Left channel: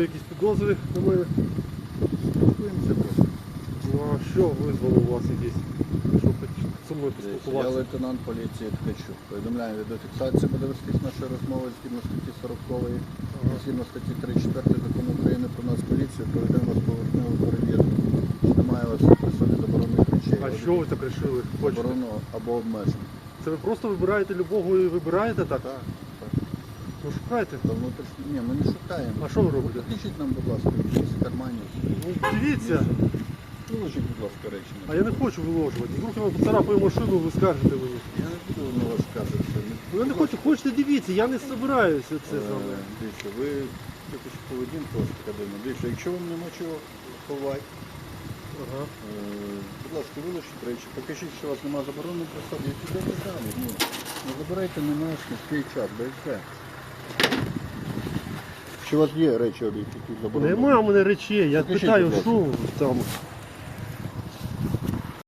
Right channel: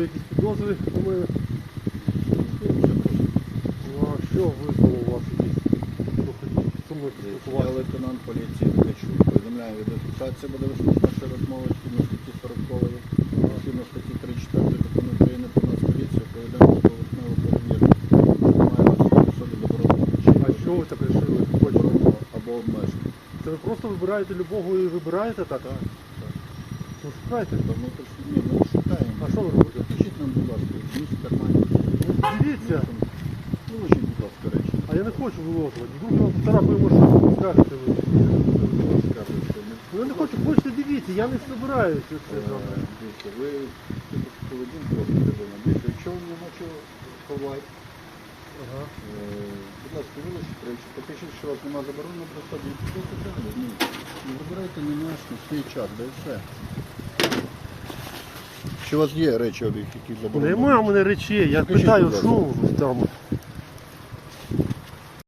маю якісь підозри на мене. Ну а що визвало у вас якісь? Що хочете зі мною Я поспілкуватися? лейтенант поліції Ткачук. Повідомляю, відеофіксація буде вестись наша розмова згідно статті 40 згідно статті 34 закону України про нас поліцію, повідомляю з поверхневу перевірку. Немає вас на собі заборонених речей. А що ви так вирішили? Хочете? Заборонено або обмежено. Це ви просто вибираєте любого і вибираєте так? Так, так. Ну шукайте. Та внутрішньо. Ні, ми не що ви робите? Нам, будь ласка, вниз в кармані. Ну, дивіться. Виложіть, будь ласка, речі. А я не хочу виложувати. Я вам поцарапаю машину, ви скажете ви. Ну я не хочу, хочете дивіться, я не збираюся це з вами. Е, Дивіться, ви що поведінку подивимо. Дивіться, якщо ви не на чого ховати, Ага. е, будь ласка, вилучіть речі, покажіть, що у вас немає заборони про собі. І питання. Ні. Не забирайте на наш на свій час, да і все. Чи у вас є речі, об'єкт, які заборонені? Нема у мене речей, я питаю, будь ласка. що там.